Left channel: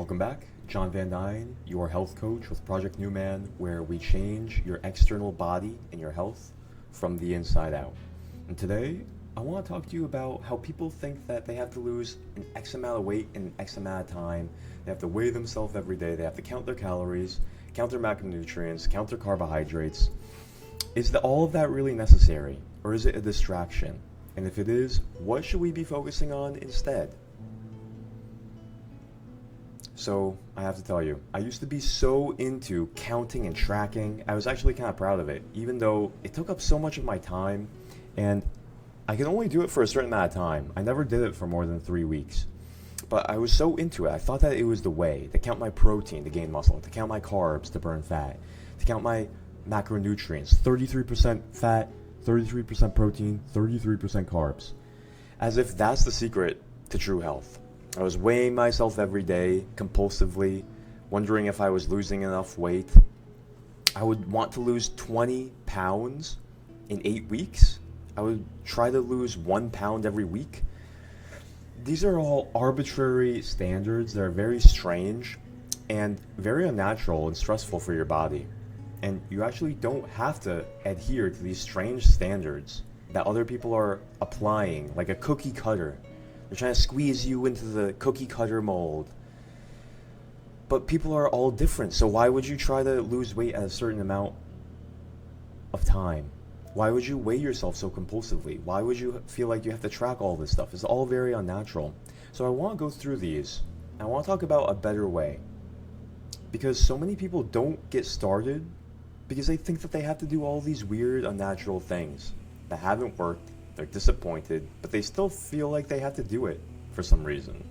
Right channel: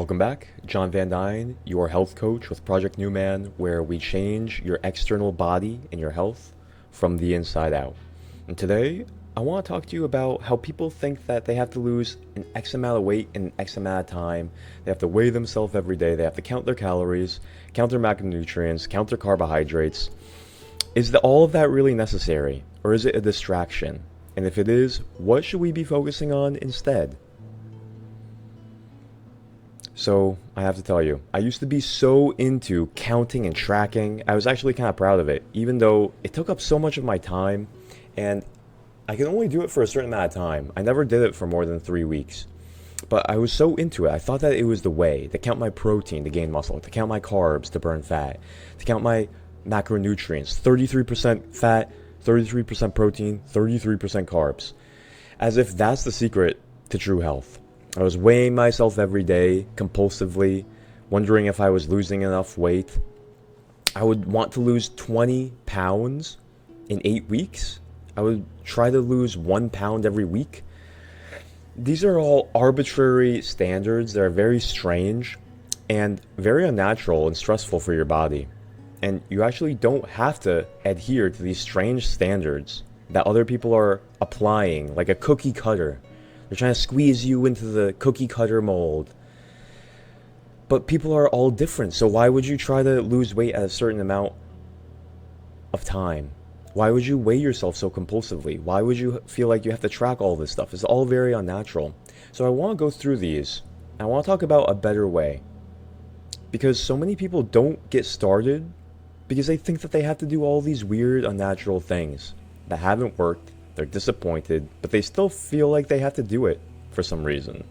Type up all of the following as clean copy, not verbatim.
Welcome back. John Van Dyne, your health coach with Project Newman, where we change your external body and your health from the inside out. And today, I want to talk to you about how people think that they have to lose an X amount of weight in an X amount of time. They have to weigh themselves every day. They have to count their calories, count their macronutrients, count their carbohydrates. Is all of that really necessary, or is it a distraction? And if it is, what should we be focusing on instead? So, I have to tell you, I used to be so into counting and tracking. I was actually kind of proud of it, even though it took up so much of my time, and I could only do it for a certain amount of time. I never did it for more than 3 weeks. But I was so into it, I thought that it was the way to count my protein to gain muscle, to count my carbs to burn fat, to count my macronutrients, 33% fat, 33% protein, 33% carbs. As if that's the secret to true health. I was weighing myself every day, compulsively, wondering if I was losing enough weight. I would want to lose 20 pounds in 8 weeks. I would try to lose 1 pound every week. These are all arbitrary standards that are very strange and very unnatural and stressful for your body. And you actually don't have to adhere to these strange standards that other people are applying, like a cookie cutter. They're trying to squeeze you into the cookie cutter mold. But people are all different, so why would you try to lose weight at a certain amount of time? Why would you weigh yourself so compulsively? Why would you feel like you have to track all this stuff? It's all very unnatural. So I want to go through these. I want to talk about a better way. Because so many people don't get started because they think that they have to do all these weird, unnatural things that haven't worked. They're disappointed, but they still feel like they have to do it for some reason.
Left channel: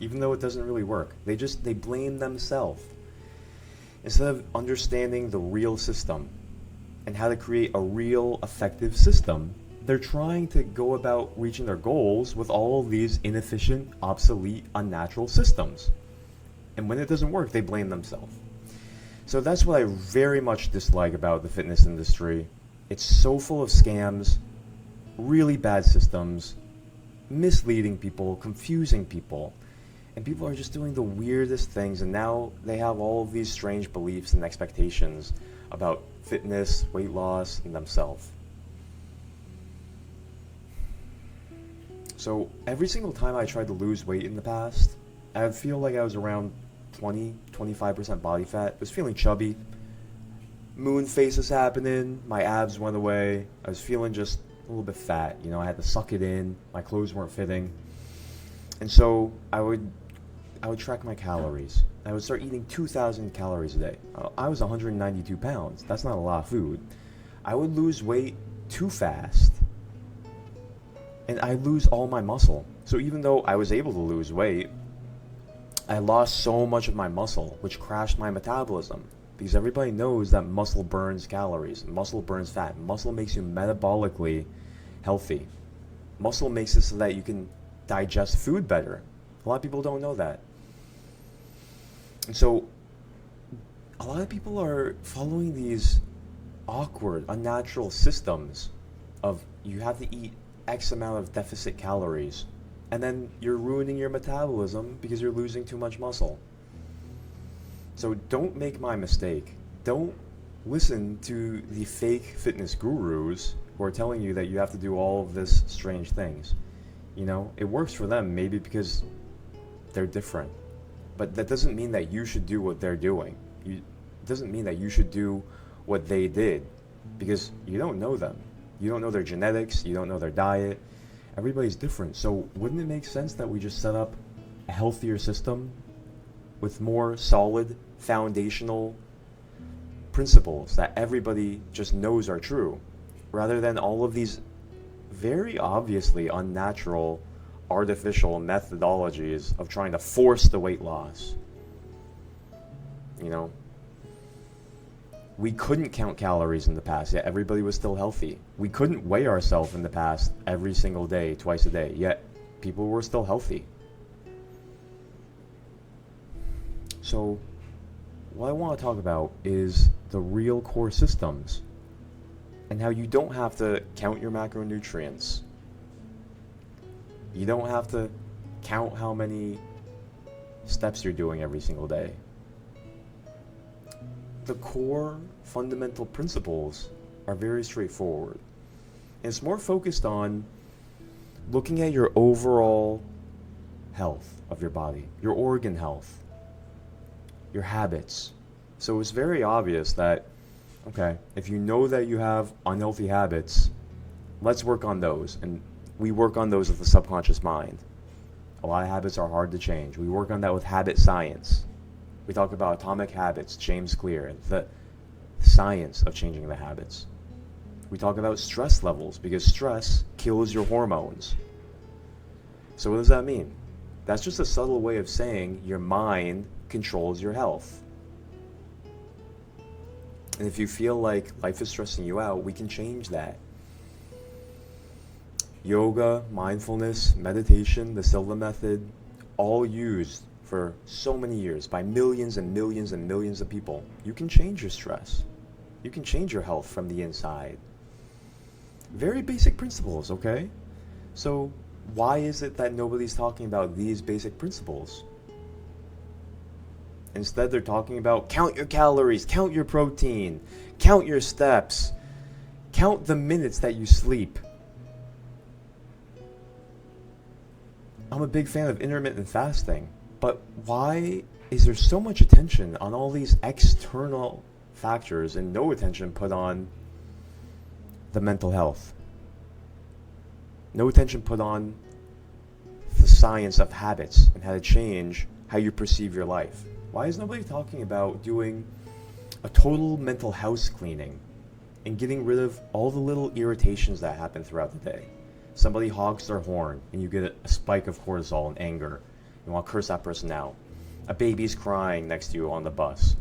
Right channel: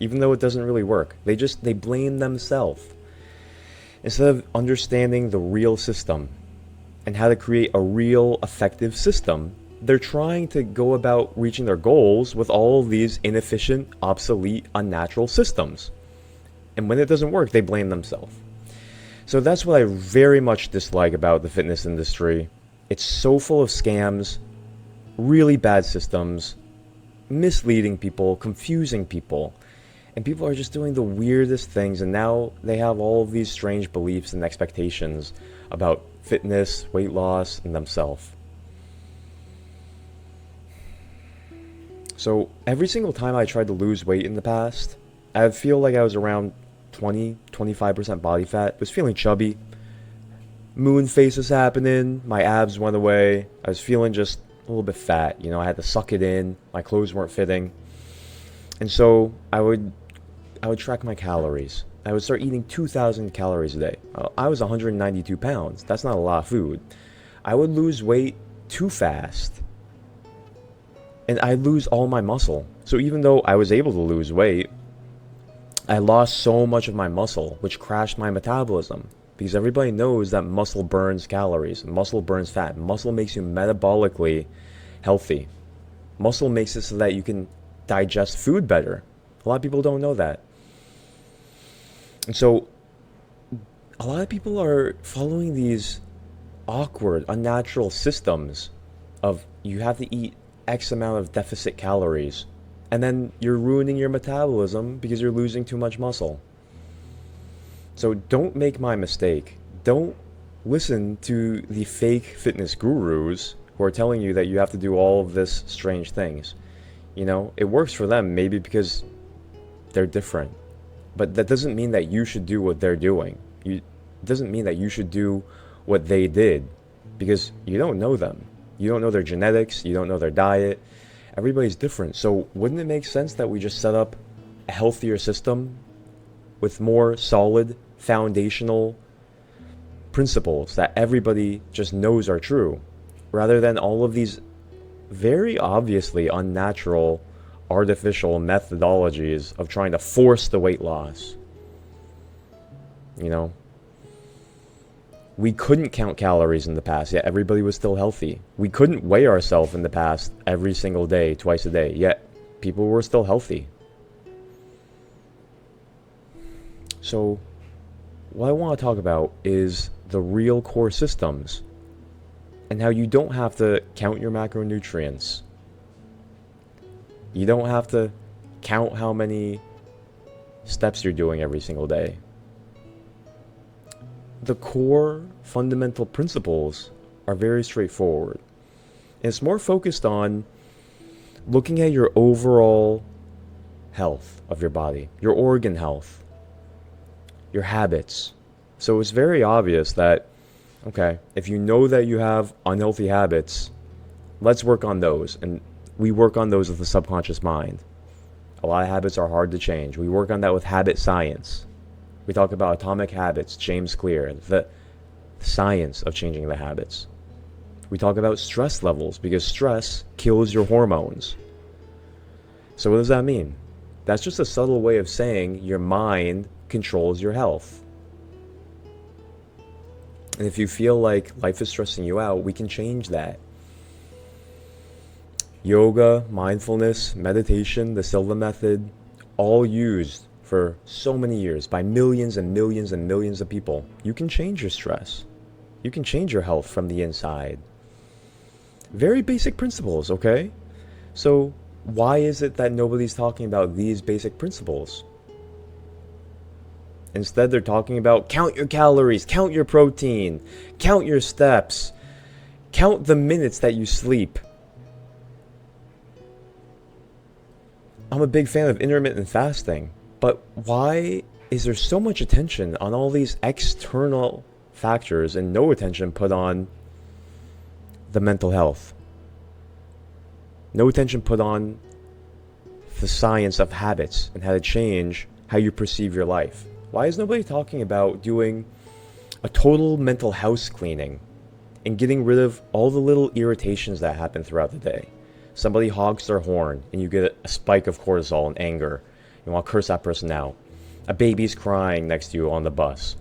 Even though it doesn't really work. They blame themselves. Instead of understanding the real system and how to create a real effective system, they're trying to go about reaching their goals with all of these inefficient, obsolete, unnatural systems. And when it doesn't work, they blame themselves. So that's what I very much dislike about the fitness industry. It's so full of scams, really bad systems, misleading people, confusing people. And people are just doing the weirdest things, and now they have all of these strange beliefs and expectations about fitness, weight loss, and themselves. So every single time I tried to lose weight in the past, I feel like I was around 20-25% body fat. I was feeling chubby. Moon face was happening. My abs went away. I was feeling just a little bit fat. I had to suck it in. My clothes weren't fitting. And so I would track my calories. I would start eating 2,000 calories a day. I was 192 pounds. That's not a lot of food. I would lose weight too fast. And I'd lose all my muscle. So even though I was able to lose weight, I lost so much of my muscle, which crashed my metabolism. Because everybody knows that muscle burns calories, muscle burns fat. Muscle makes you metabolically healthy. Muscle makes it so that you can digest food better. A lot of people don't know that. And so, a lot of people are following these awkward, unnatural systems of you have to eat X amount of deficit calories. And then you're ruining your metabolism because you're losing too much muscle. So don't make my mistake. Don't listen to the fake fitness gurus who are telling you that you have to do all of this strange things. It works for them maybe because they're different. But that doesn't mean that you should do what they're doing. It doesn't mean that you should do what they did because you don't know them. You don't know their genetics. You don't know their diet. Everybody's different. So wouldn't it make sense that we just set up a healthier system with more solid foundational principles that everybody just knows are true, rather than all of these very obviously unnatural, artificial methodologies of trying to force the weight loss? We couldn't count calories in the past, yet everybody was still healthy. We couldn't weigh ourselves in the past every single day, twice a day, yet people were still healthy. So, what I want to talk about is the real core systems and how you don't have to count your macronutrients. You don't have to count how many steps you're doing every single day. The core fundamental principles are very straightforward. And it's more focused on looking at your overall health of your body, your organ health, your habits. So it's very obvious that, okay, if you know that you have unhealthy habits, let's work on those. And we work on those with the subconscious mind. A lot of habits are hard to change. We work on that with habit science. We talk about atomic habits, James Clear, the science of changing the habits. We talk about stress levels because stress kills your hormones. So what does that mean? That's just a subtle way of saying your mind controls your health. And if you feel like life is stressing you out, we can change that. Yoga, mindfulness, meditation, the Silva method, all used for so many years by millions and millions and millions of people. You can change your stress. You can change your health from the inside. Very basic principles, okay? So why is it that nobody's talking about these basic principles? Instead, they're talking about count your calories, count your protein, count your steps, count the minutes that you sleep. I'm a big fan of intermittent fasting, but why is there so much attention on all these external factors and no attention put on the mental health? No attention put on the science of habits and how to change how you perceive your life. Why is nobody talking about doing a total mental house cleaning and getting rid of all the little irritations that happen throughout the day? Somebody hogs their horn and you get a spike of cortisol and anger. You want to curse that person out. A baby's crying next to you on the bus.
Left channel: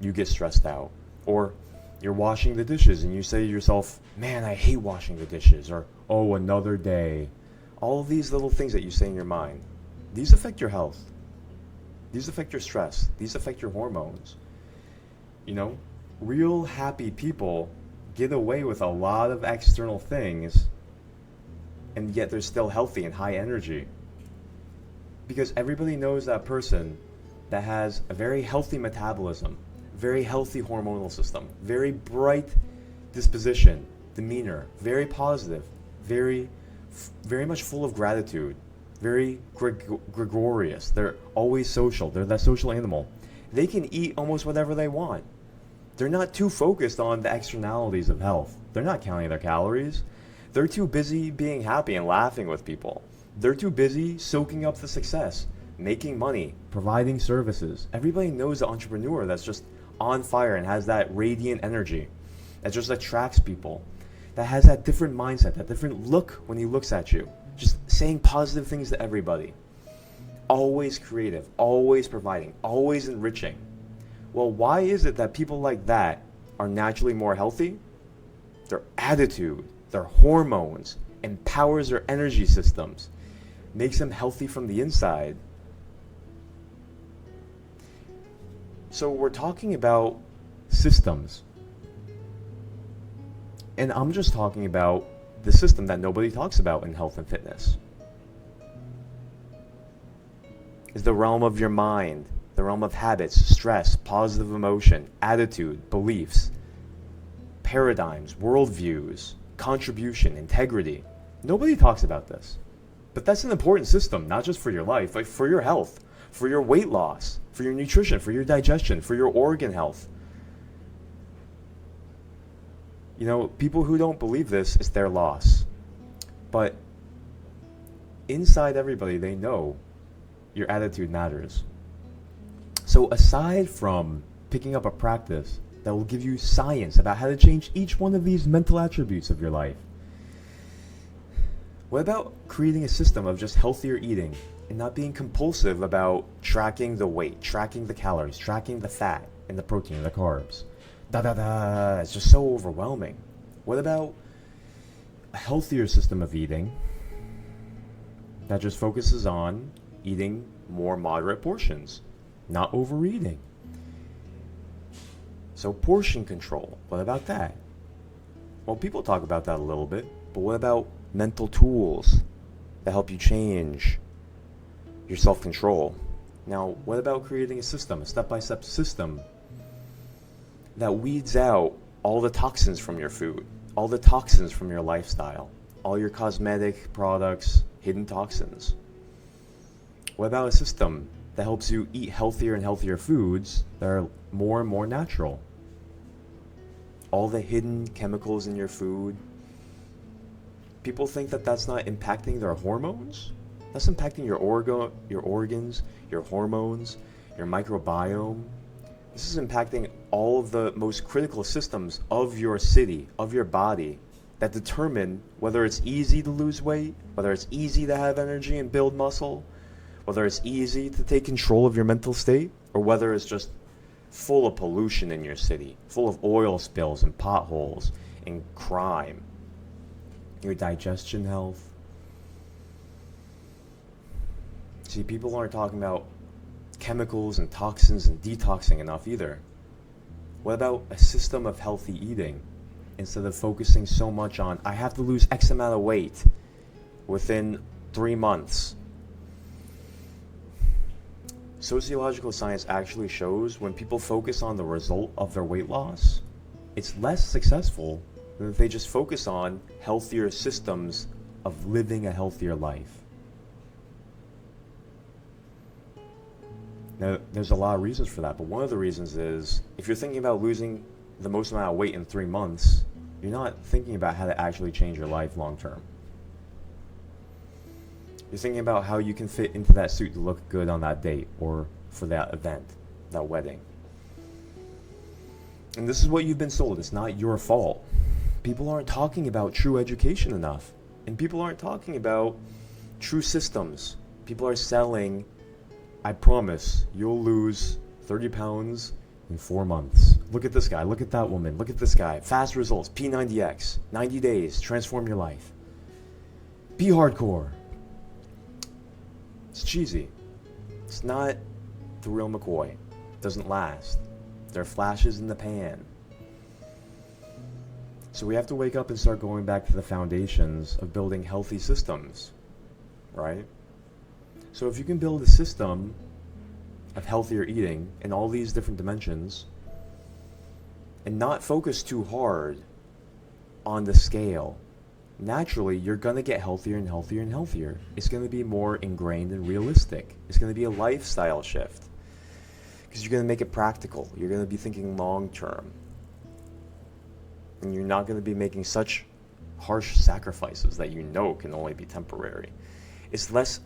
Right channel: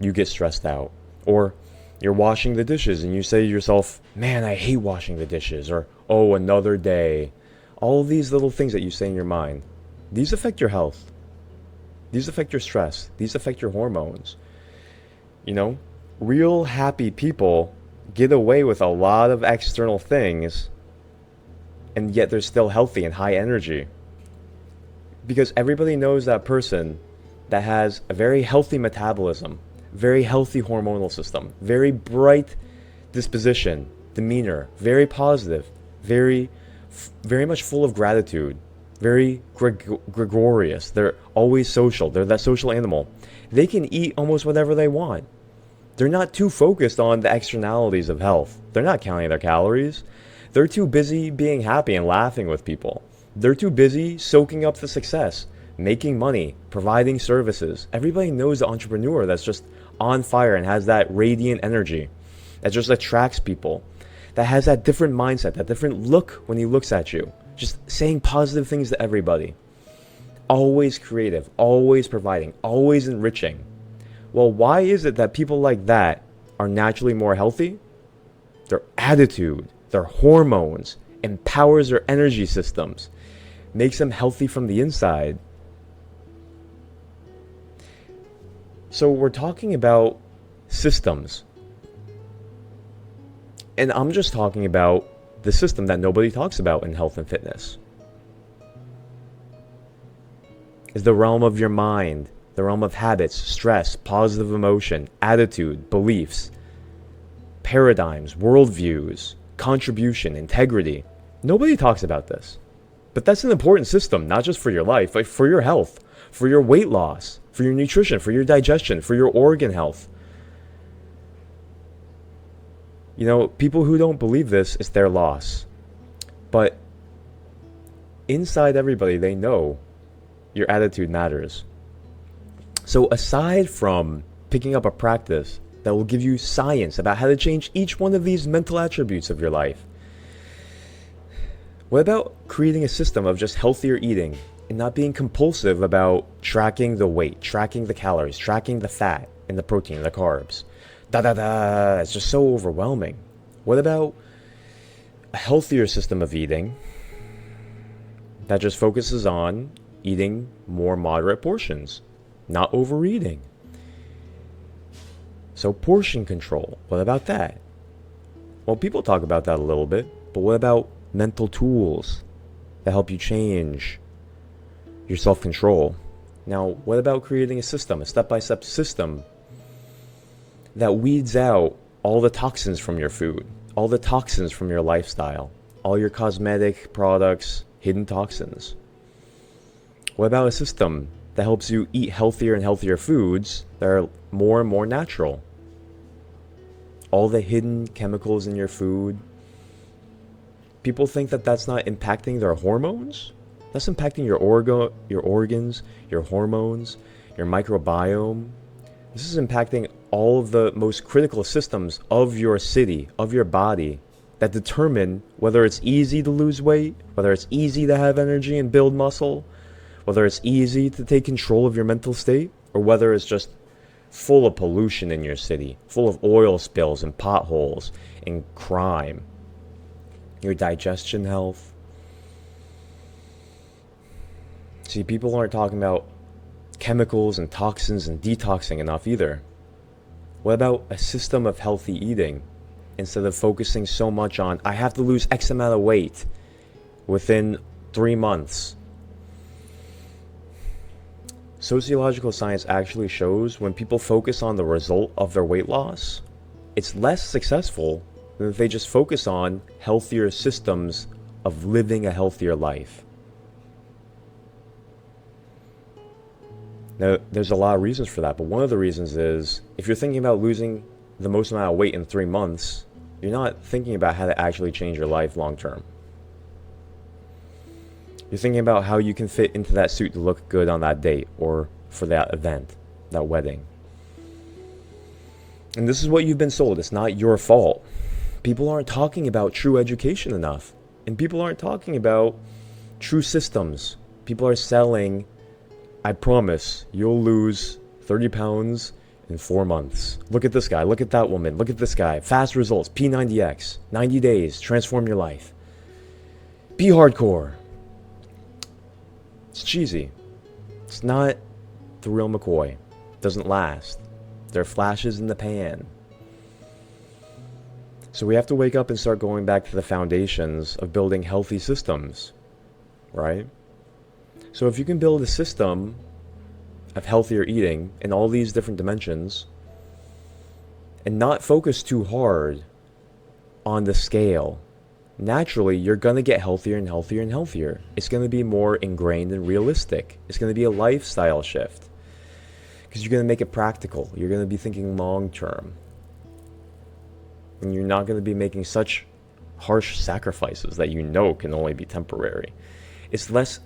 You get stressed out. Or you're washing the dishes and you say to yourself, man, I hate washing the dishes. Or, oh, another day. All of these little things that you say in your mind, these affect your health. These affect your stress. These affect your hormones. You know, real happy people get away with a lot of external things, and yet they're still healthy and high energy. Because everybody knows that person that has a very healthy metabolism, very healthy hormonal system, very bright disposition, demeanor, very positive, very much full of gratitude, very gregarious. They're always social. They're that social animal. They can eat almost whatever they want. They're not too focused on the externalities of health. They're not counting their calories. They're too busy being happy and laughing with people. They're too busy soaking up the success, making money, providing services. Everybody knows the entrepreneur that's just on fire and has that radiant energy, that just attracts people, that has that different mindset, that different look when he looks at you, just saying positive things to everybody. Always creative, always providing, always enriching. Well, why is it that people like that are naturally more healthy? Their attitude, their hormones, empowers their energy systems, makes them healthy from the inside. So we're talking about systems. And I'm just talking about the system that nobody talks about in health and fitness. Is the realm of your mind, the realm of habits, stress, positive emotion, attitude, beliefs, paradigms, worldviews, contribution, integrity. Nobody talks about this. But that's an important system, not just for your life, but for your health, for your weight loss, for your nutrition, for your digestion, for your organ health. You know, people who don't believe this, it's their loss. But inside everybody, they know your attitude matters. So aside from picking up a practice that will give you science about how to change each one of these mental attributes of your life, what about creating a system of just healthier eating and not being compulsive about tracking the weight, tracking the calories, tracking the fat and the protein and the carbs? It's just so overwhelming. What about a healthier system of eating that just focuses on eating more moderate portions, not overeating? So portion control, what about that? Well, people talk about that a little bit, but what about mental tools that help you change your self-control? Now, what about creating a system, a step-by-step system that weeds out all the toxins from your food, all the toxins from your lifestyle, all your cosmetic products, hidden toxins? What about a system that helps you eat healthier and healthier foods that are more and more natural? All the hidden chemicals in your food, people think that that's not impacting their hormones. That's impacting your organs, your hormones, your microbiome. This is impacting all of the most critical systems of your city, of your body, that determine whether it's easy to lose weight, whether it's easy to have energy and build muscle, whether it's easy to take control of your mental state, or whether it's just full of pollution in your city, full of oil spills and potholes and crime. Your digestion health. See, people aren't talking about chemicals and toxins and detoxing enough either. What about a system of healthy eating instead of focusing so much on, I have to lose X amount of weight within 3 months? Sociological science actually shows when people focus on the result of their weight loss, it's less successful than if they just focus on healthier systems of living a healthier life. Now, there's a lot of reasons for that, but one of the reasons is if you're thinking about losing the most amount of weight in 3 months, you're not thinking about how to actually change your life long term. You're thinking about how you can fit into that suit to look good on that date or for that event, that wedding. And this is what you've been sold. It's not your fault. People aren't talking about true education enough. And people aren't talking about true systems. People are selling, I promise, you'll lose 30 pounds in 4 months. Look at this guy. Look at that woman. Look at this guy. Fast results. P90X. 90 days. Transform your life. Be hardcore. It's cheesy. It's not the real McCoy. It doesn't last. There are flashes in the pan. So we have to wake up and start going back to the foundations of building healthy systems, right? So if you can build a system of healthier eating in all these different dimensions and not focus too hard on the scale, naturally you're going to get healthier and healthier and healthier. It's going to be more ingrained and realistic. It's going to be a lifestyle shift because you're going to make it practical. You're going to be thinking long term. And you're not going to be making such harsh sacrifices that you know can only be temporary. It's less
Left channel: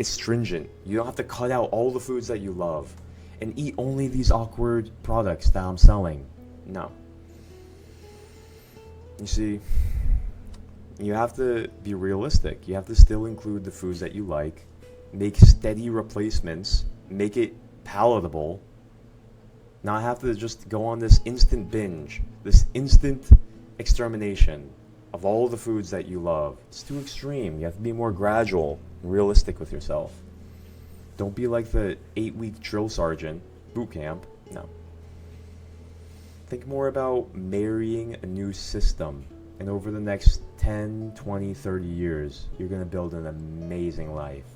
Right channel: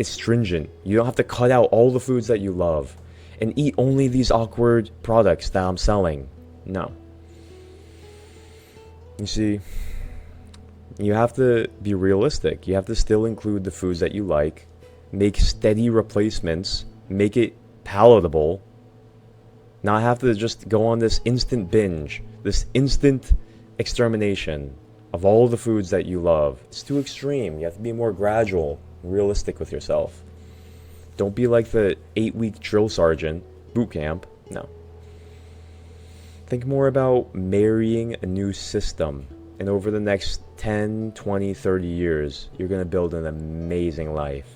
astringent. You don't have to cut out all the foods that you love and eat only these awkward products that I'm selling. No. You see, you have to be realistic. You have to still include the foods that you like, make steady replacements, make it palatable, not have to just go on this instant binge, this instant extermination of all the foods that you love. It's too extreme. You have to be more gradual and realistic with yourself. Don't be like the 8-week drill sergeant boot camp. No. Think more about marrying a new system. And over the next 10, 20, 30 years, you're going to build an amazing life.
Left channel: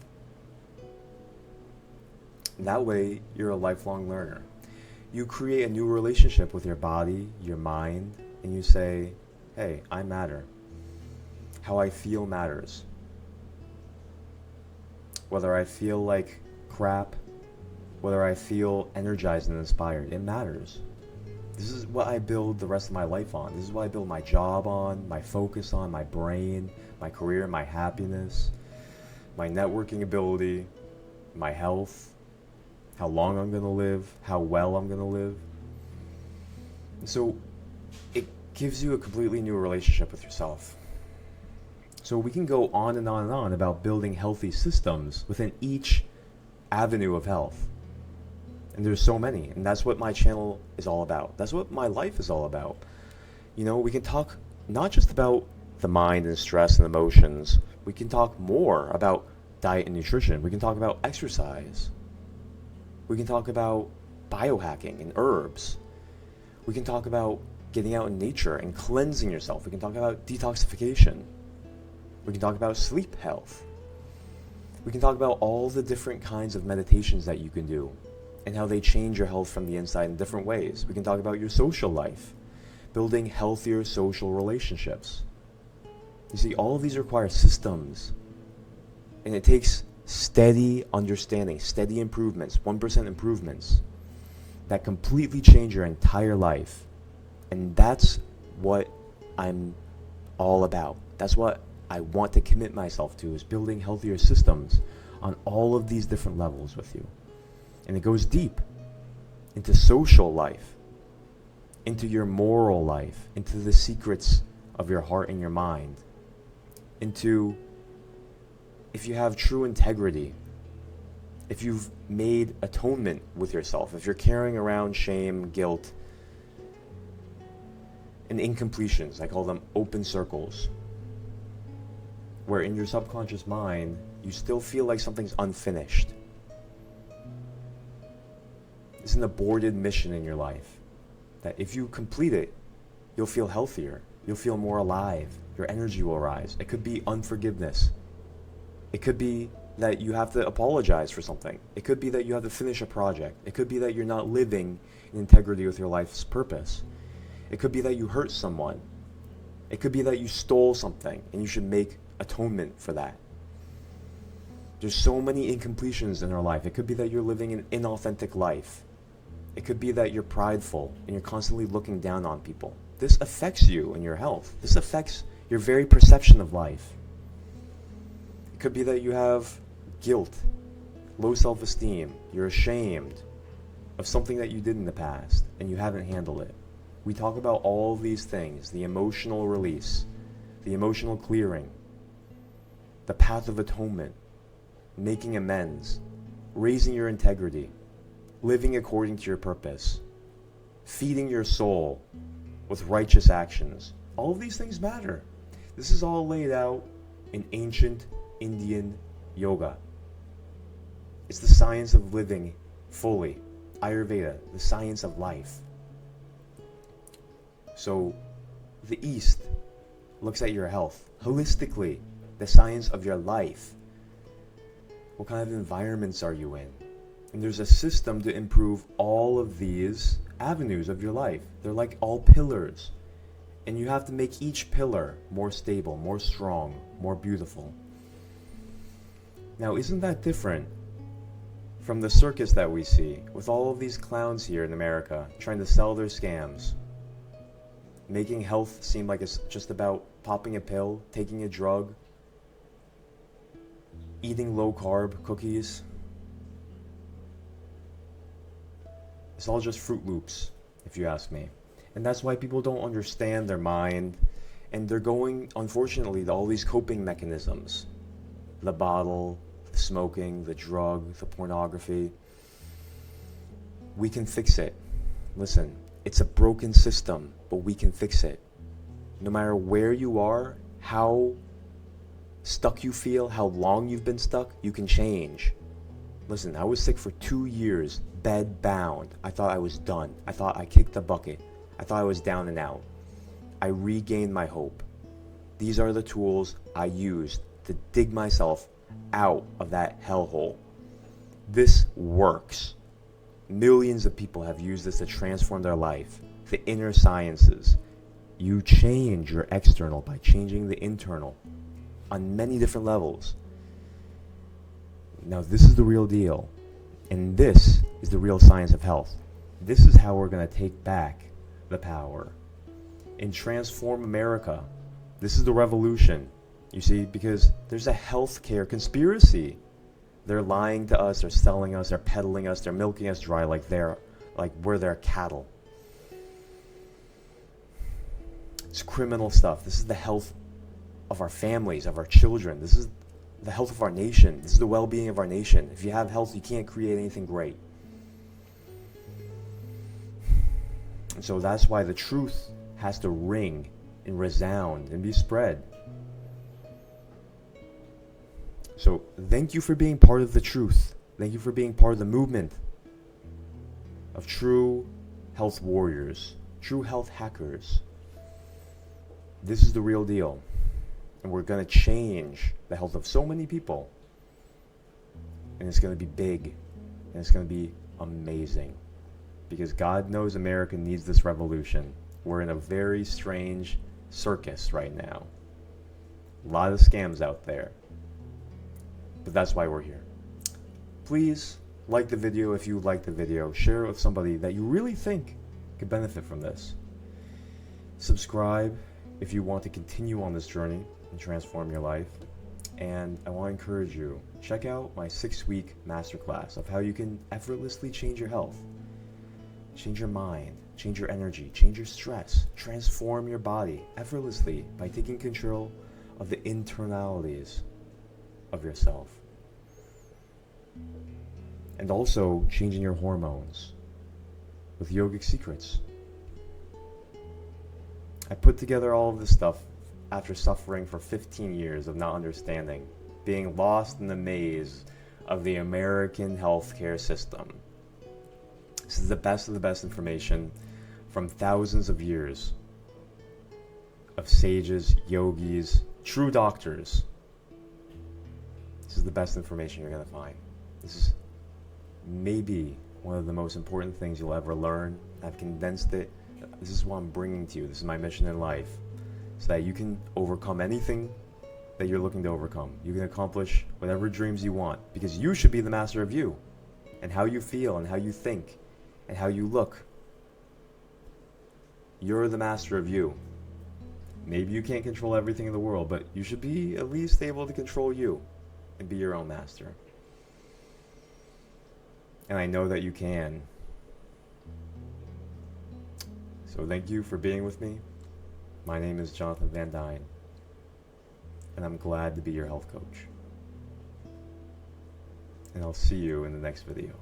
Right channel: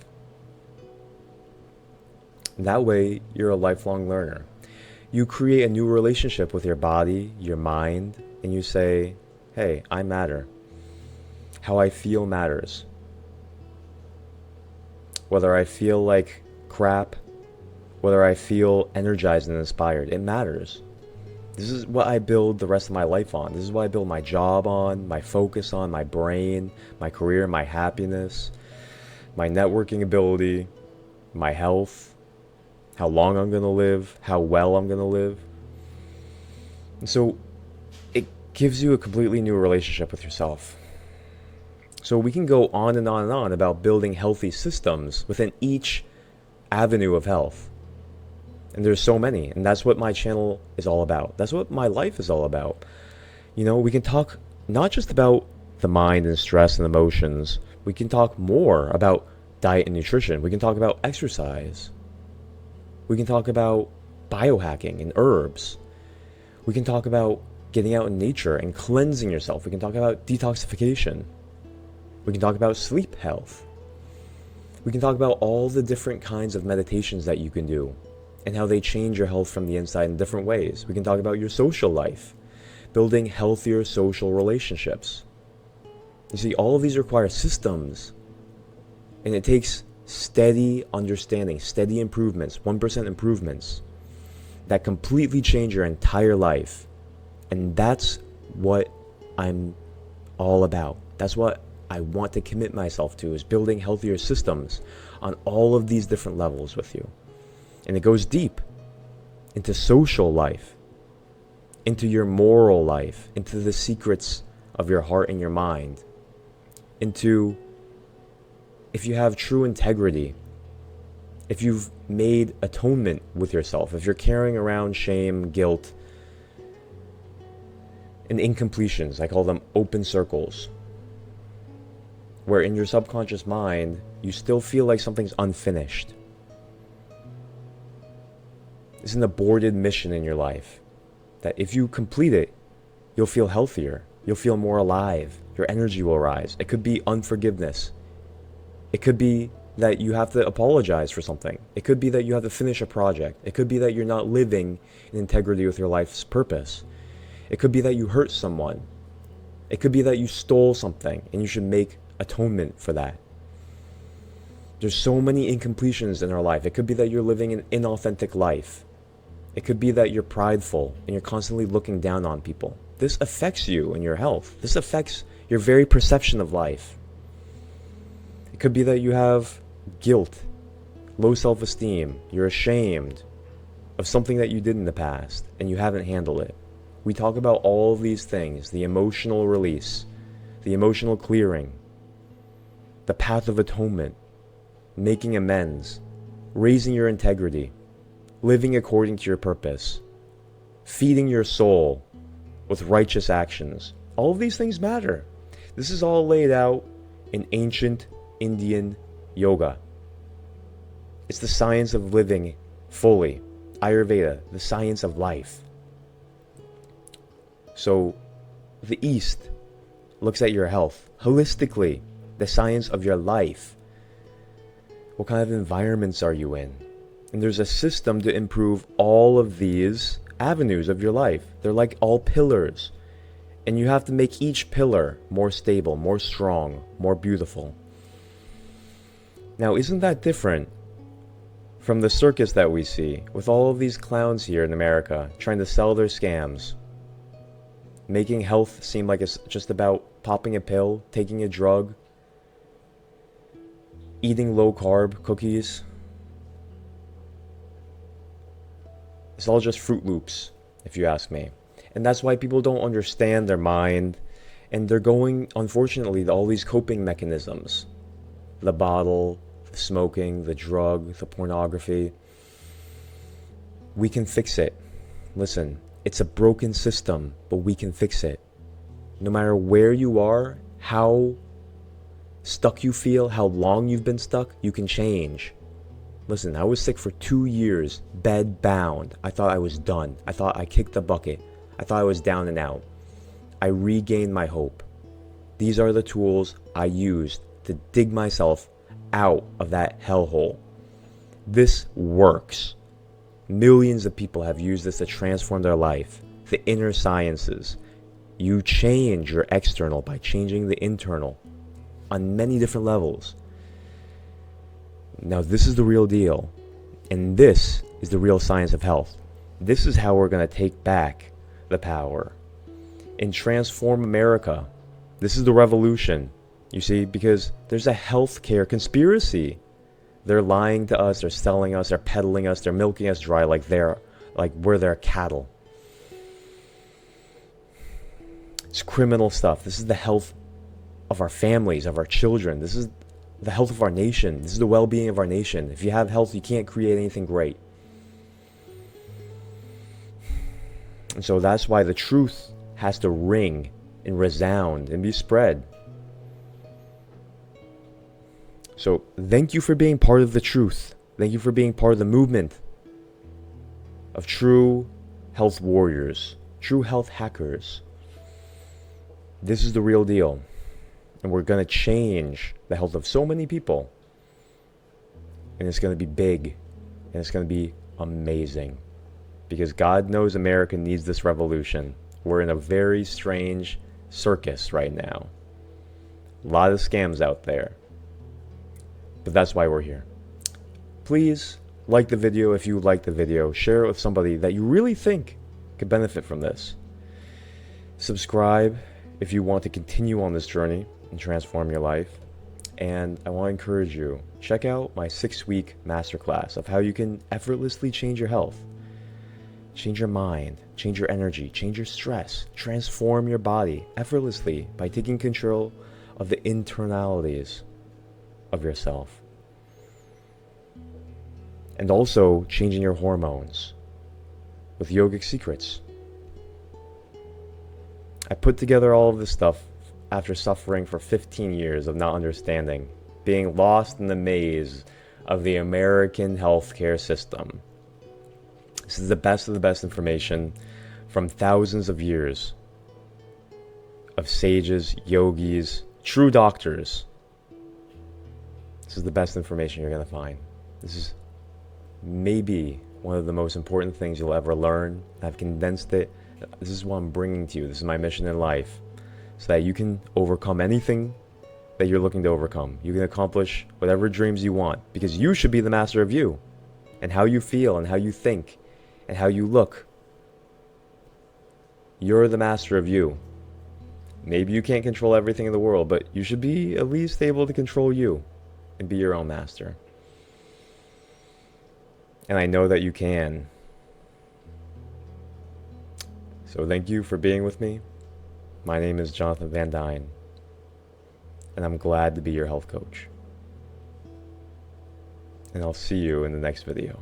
That way, you're a lifelong learner. You create a new relationship with your body, your mind, and you say, hey, I matter. How I feel matters. Whether I feel like crap, whether I feel energized and inspired, it matters. This is what I build the rest of my life on. This is what I build my job on, my focus on, my brain, my career, my happiness, my networking ability, my health, how long I'm going to live, how well I'm going to live. And so it gives you a completely new relationship with yourself. So we can go on and on and on about building healthy systems within each avenue of health. And there's so many, and that's what my channel is all about. That's what my life is all about. You know, we can talk not just about the mind and stress and emotions. We can talk more about diet and nutrition. We can talk about exercise. We can talk about biohacking and herbs. We can talk about getting out in nature and cleansing yourself. We can talk about detoxification. We can talk about sleep health. We can talk about all the different kinds of meditations that you can do and how they change your health from the inside in different ways. We can talk about your social life, building healthier social relationships. You see, all of these require systems, and it takes steady understanding, steady improvements, 1% improvements that completely change your entire life. And that's what I'm all about. That's what I want to commit myself to, is building healthier systems on all of these different levels with you. And it goes deep into social life, into your moral life, into the secrets of your heart and your mind, into if you have true integrity, if you've made atonement with yourself, if you're carrying around shame, guilt, and incompletions. I call them open circles, where in your subconscious mind, you still feel like something's unfinished. It's an aborted mission in your life that if you complete it, you'll feel healthier. You'll feel more alive. Your energy will rise. It could be unforgiveness. It could be that you have to apologize for something. It could be that you have to finish a project. It could be that you're not living in integrity with your life's purpose. It could be that you hurt someone. It could be that you stole something and you should make atonement for that. There's so many incompletions in our life. It could be that you're living an inauthentic life. It could be that you're prideful and you're constantly looking down on people. This affects you and your health. This affects your very perception of life. It could be that you have guilt, low self-esteem, you're ashamed of something that you did in the past and you haven't handled it. We talk about all of these things, the emotional release, the emotional clearing, the path of atonement, making amends, raising your integrity, living according to your purpose, feeding your soul with righteous actions. All of these things matter. This is all laid out in ancient Indian yoga. It's the science of living fully. Ayurveda, the science of life. So the East looks at your health holistically, the science of your life. What kind of environments are you in? And there's a system to improve all of these avenues of your life. They're like all pillars. And you have to make each pillar more stable, more strong, more beautiful. Now, isn't that different from the circus that we see with all of these clowns here in America trying to sell their scams? Making health seem like it's just about popping a pill, taking a drug, eating low-carb cookies. It's all just Fruit Loops, if you ask me. And that's why people don't understand their mind, and they're going, unfortunately, to all these coping mechanisms. The bottle, the smoking, the drug, the pornography. We can fix it. Listen, it's a broken system, but we can fix it. No matter where you are, how stuck you feel, how long you've been stuck, you can change. Listen, I was sick for 2 years, bed bound. I thought I was done. I thought I kicked the bucket. I thought I was down and out. I regained my hope. These are the tools I used to dig myself out of that hellhole. This works. Millions of people have used this to transform their life. The inner sciences. You change your external by changing the internal on many different levels. Now, this is the real deal. And this is the real science of health. This is how we're going to take back the power and transform America. This is the revolution, you see, because there's a healthcare conspiracy. They're lying to us, they're selling us, they're peddling us, they're milking us dry like we're their cattle. It's criminal stuff. This is the health of our families, of our children. This is the health of our nation. This is the well-being of our nation. If you have health, you can't create anything great. And so that's why the truth has to ring and resound and be spread. So thank you for being part of the truth. Thank you for being part of the movement of true health warriors, true health hackers. This is the real deal. And we're going to change the health of so many people. and it's going to be big, and it's going to be amazing. Because God knows America needs this revolution. We're in a very strange circus right now. A lot of scams out there. But that's why we're here. Please like the video if you like the video. Share it with somebody that you really think could benefit from this. Subscribe if you want to continue on this journey and transform your life. And I want to encourage you, check out my 6-week masterclass of how you can effortlessly change your health, change your mind, change your energy, change your stress, transform your body effortlessly by taking control of the internalities of yourself. And also changing your hormones with yogic secrets. I put together all of this stuff after suffering for 15 years of not understanding, being lost in the maze of the American healthcare system. This is the best of the best information from thousands of years of sages, yogis, true doctors. This is the best information you're going to find. This is maybe one of the most important things you'll ever learn. I've condensed it. This is what I'm bringing to you. This is my mission in life, so that you can overcome anything that you're looking to overcome. You can accomplish whatever dreams you want, because you should be the master of you, and how you feel, and how you think, and how you look. You're the master of you. Maybe you can't control everything in the world, but you should be at least able to control you and be your own master. And I know that you can. So thank you for being with me. My name is Jonathan Van Dyne, and I'm glad to be your health coach. And I'll see you in the next video.